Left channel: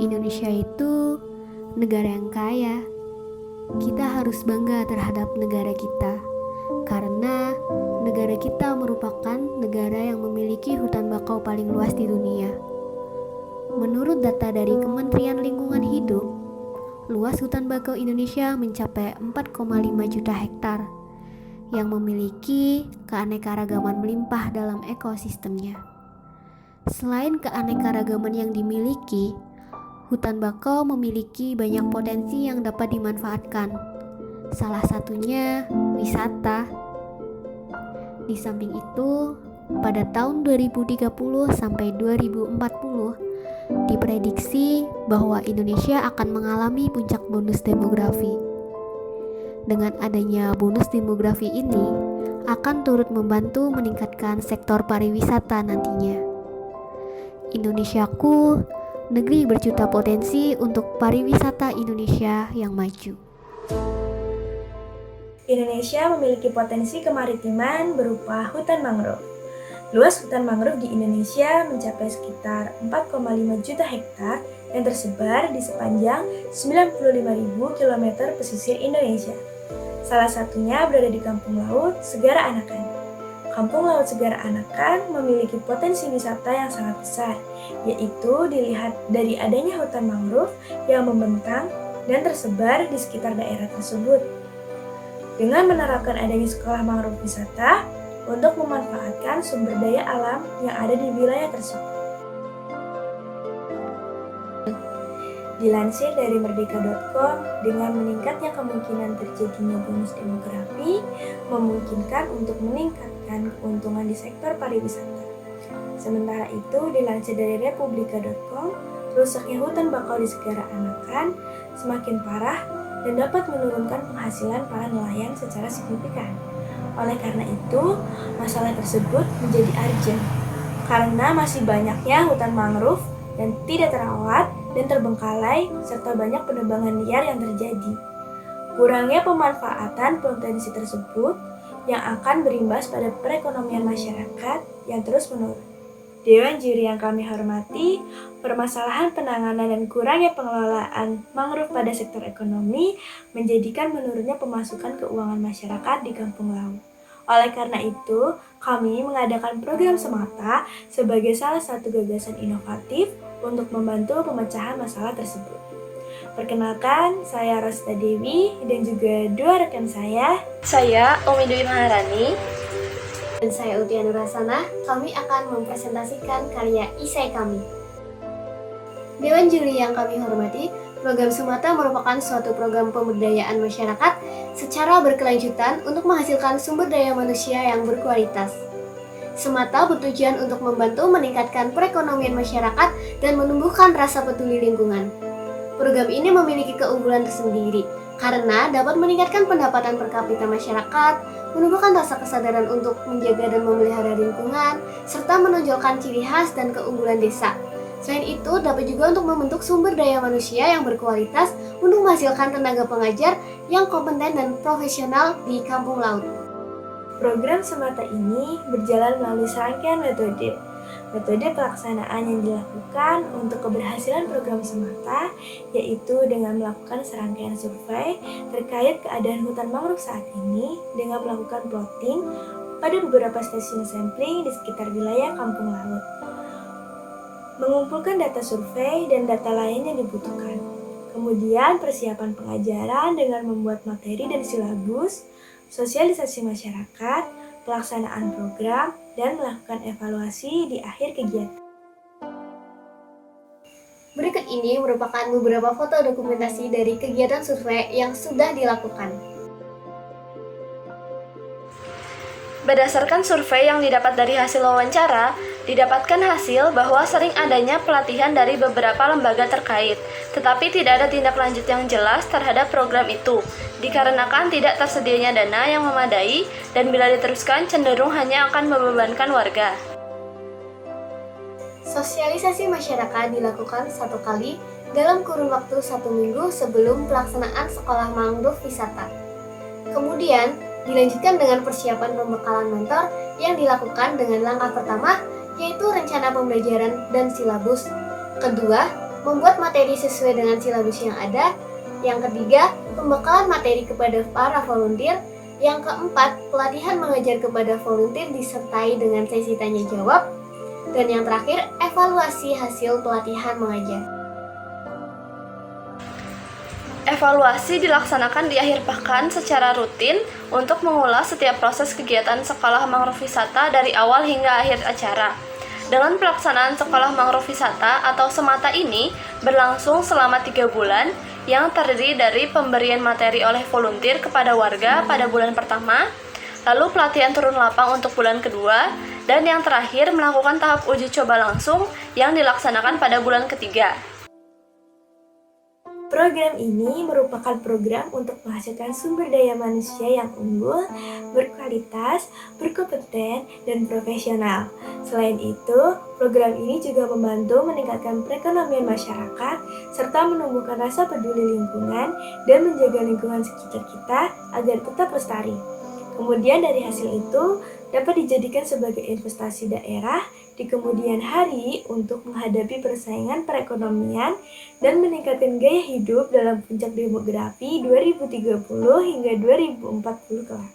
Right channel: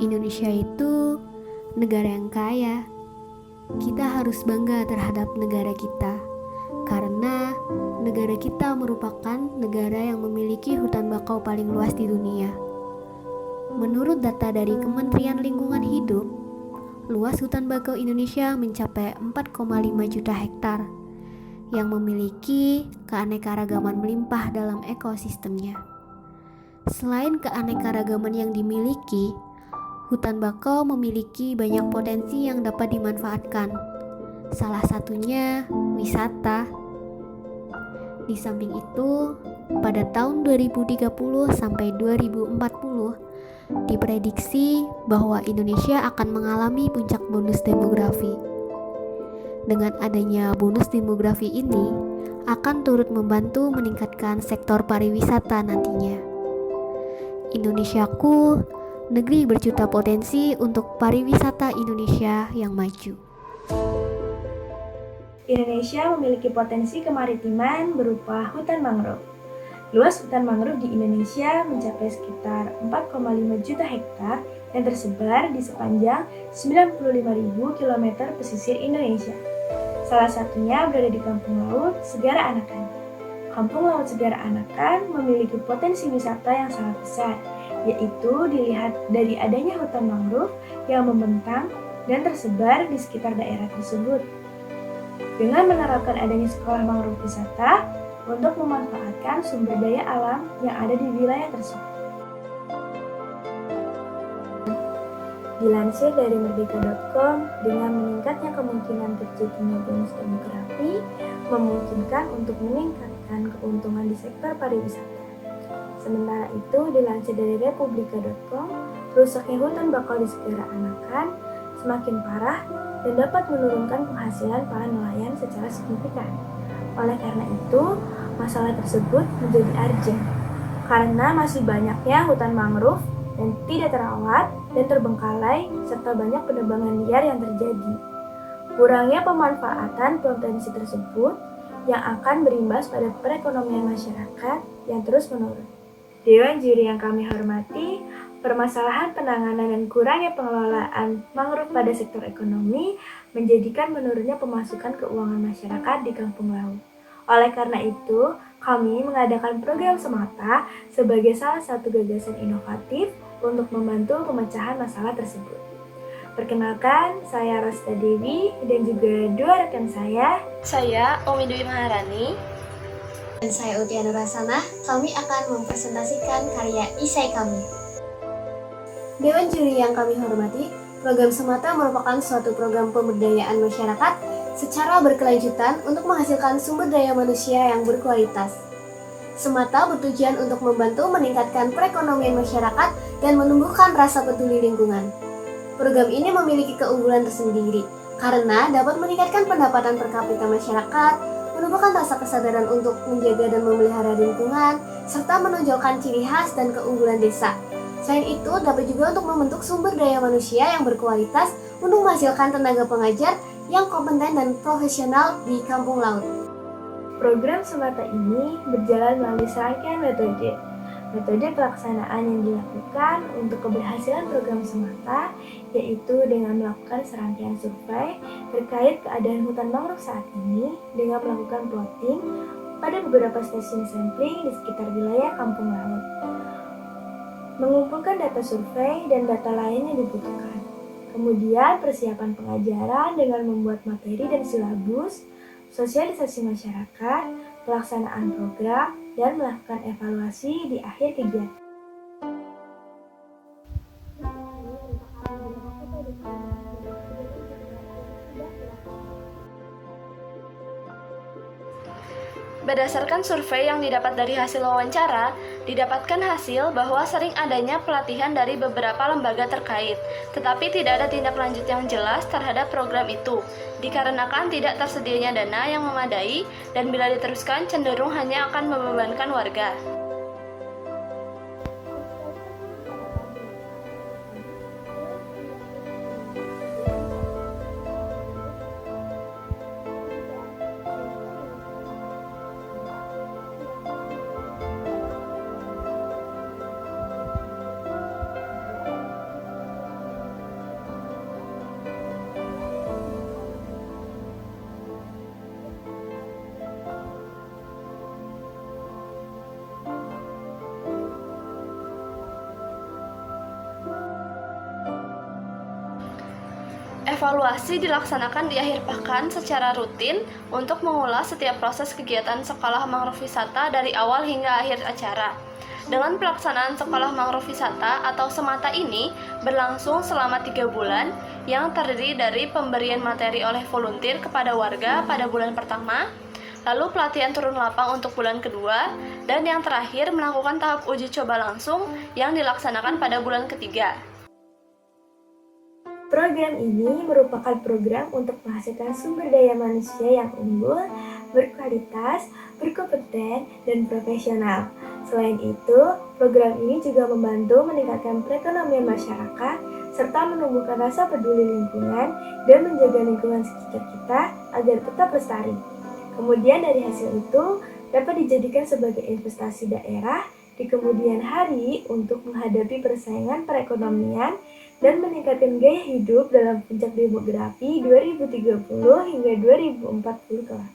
Indonesia itu negara yang kaya. Kita harus bangga terhadap negara kita, karena negara kita merupakan negara yang memiliki hutan bakau paling luas di dunia. Menurut data dari Kementerian Lingkungan Hidup, luas hutan bakau Indonesia mencapai 4,5 juta hektar, yang memiliki keanekaragaman melimpah dalam ekosistemnya. Selain keanekaragaman yang dimiliki, hutan bakau memiliki banyak potensi yang dapat dimanfaatkan. Salah satunya wisata. Di samping itu, pada tahun 2030 sampai 2040, diprediksi bahwa Indonesia akan mengalami puncak bonus demografi. Dengan adanya bonus demografi ini, akan turut membantu meningkatkan sektor pariwisata nantinya. Indonesiaku, negeri berjuta potensi untuk pariwisata Indonesia yang maju. Indonesia memiliki potensi kemaritiman berupa hutan mangrove. Luas hutan mangrove di Indonesia mencapai sekitar 4,5 juta hektar yang tersebar di sepanjang 95.000 km pesisir Indonesia. Salah satunya berada di Kampung Laut Segara Anakan. Kampung Laut Segara Anakan memiliki potensi wisata yang sangat besar, yaitu dilihat dari adanya hutan mangrove yang membentang dan tersebar di sekitar daerah tersebut. Dengan menerapkan adanya sekolah mangrove wisata untuk memanfaatkan sumber daya alam yang ada di wilayah tersebut. Dilansir dari merdeka.com, dengan meningkatnya kemungkinan terjadinya bonus demografi memungkinkan untuk meningkatkan keuntungan di sektor pariwisata. Sementara itu, dilansir dari republika.com, rusaknya hutan bakau di Segara Anakan semakin parah dan dapat menurunkan penghasilan para nelayan secara signifikan. Oleh karena itu, masalah tersebut menjadi urgent karena masih banyaknya hutan mangrove dan tidak terawat dan terbengkalai serta banyak penebangan liar yang terjadi. Kurangnya pemanfaatan potensi tersebut yang akan berimbas pada perekonomian masyarakat yang terus menurun. Dewan juri yang kami hormati, permasalahan penanganan dan kurangnya pengelolaan mangrove pada sektor ekonomi menjadikan menurunnya pemasukan keuangan masyarakat di kampung laut. Oleh karena itu, kami mengadakan program Semata sebagai salah satu gagasan inovatif untuk membantu pemecahan masalah tersebut. Perkenalkan, saya Rosita Dewi dan juga dua rekan saya. Saya Umi Dwi Maharani. Dan saya Utia Nurasana. Kami akan mempresentasikan karya isai kami. Dewan juri yang kami hormati, program Semata merupakan suatu program pemberdayaan masyarakat secara berkelanjutan untuk menghasilkan sumber daya manusia yang berkualitas. Semata bertujuan untuk membantu meningkatkan perekonomian masyarakat dan menumbuhkan rasa peduli lingkungan. Program ini memiliki keunggulan tersendiri karena dapat meningkatkan pendapatan per kapita masyarakat, menumbuhkan rasa kesadaran untuk menjaga dan memelihara lingkungan, serta menonjolkan ciri khas dan keunggulan desa. Selain itu, dapat juga untuk membentuk sumber daya manusia yang berkualitas untuk menghasilkan tenaga pengajar yang kompeten dan profesional di kampung laut. Program Semata ini berjalan melalui serangkaian metode. Metode pelaksanaan yang dilakukan untuk keberhasilan program Semata yaitu dengan melakukan serangkaian survei terkait keadaan hutan mangrove saat ini dengan melakukan plotting pada beberapa stasiun sampling di sekitar wilayah kampung laut. Mengumpulkan data survei dan data lain yang dibutuhkan. Kemudian persiapan pengajaran dengan membuat materi dan silabus, sosialisasi masyarakat, pelaksanaan program, dan melakukan evaluasi di akhir kegiatan. Berikut ini merupakan beberapa foto dokumentasi dari kegiatan survei yang sudah dilakukan. Berdasarkan survei yang didapat dari hasil wawancara, didapatkan hasil bahwa sering adanya pelatihan dari beberapa lembaga terkait, tetapi tidak ada tindak lanjut yang jelas terhadap program itu, dikarenakan tidak tersedianya dana yang memadai dan bila diteruskan cenderung hanya akan membebankan warga. Sosialisasi masyarakat dilakukan 1 kali dalam kurun waktu 1 minggu sebelum pelaksanaan sekolah mangrove wisata. Kemudian, dilanjutkan dengan persiapan pembekalan mentor yang dilakukan dengan langkah pertama, yaitu rencana pembelajaran dan silabus. Kedua, membuat materi sesuai dengan silabus yang ada. Yang ketiga, pembekalan materi kepada para volunteer. Yang keempat, pelatihan mengajar kepada volunteer disertai dengan sesi tanya jawab. Dan yang terakhir, evaluasi hasil pelatihan mengajar. Evaluasi dilaksanakan di akhir pekan secara rutin untuk mengulas setiap proses kegiatan Sekolah Mangrove Wisata dari awal hingga akhir acara. Dengan pelaksanaan Sekolah Mangrove Wisata atau Semata ini berlangsung selama 3 bulan yang terdiri dari pemberian materi oleh volunteer kepada warga pada bulan pertama, lalu pelatihan turun lapang untuk bulan kedua, dan yang terakhir melakukan tahap uji coba langsung yang dilaksanakan pada bulan ketiga. Program ini merupakan program untuk menghasilkan sumber daya manusia yang unggul, berkualitas, berkompeten, dan profesional. Selain itu, program ini juga membantu meningkatkan perekonomian masyarakat, serta menumbuhkan rasa peduli lingkungan dan menjaga lingkungan sekitar kita agar tetap lestari. Kemudian dari hasil itu dapat dijadikan sebagai investasi daerah di kemudian hari untuk menghadapi persaingan perekonomian dan meningkatkan gaya hidup dalam puncak demografi 2030 hingga 2040 kelak.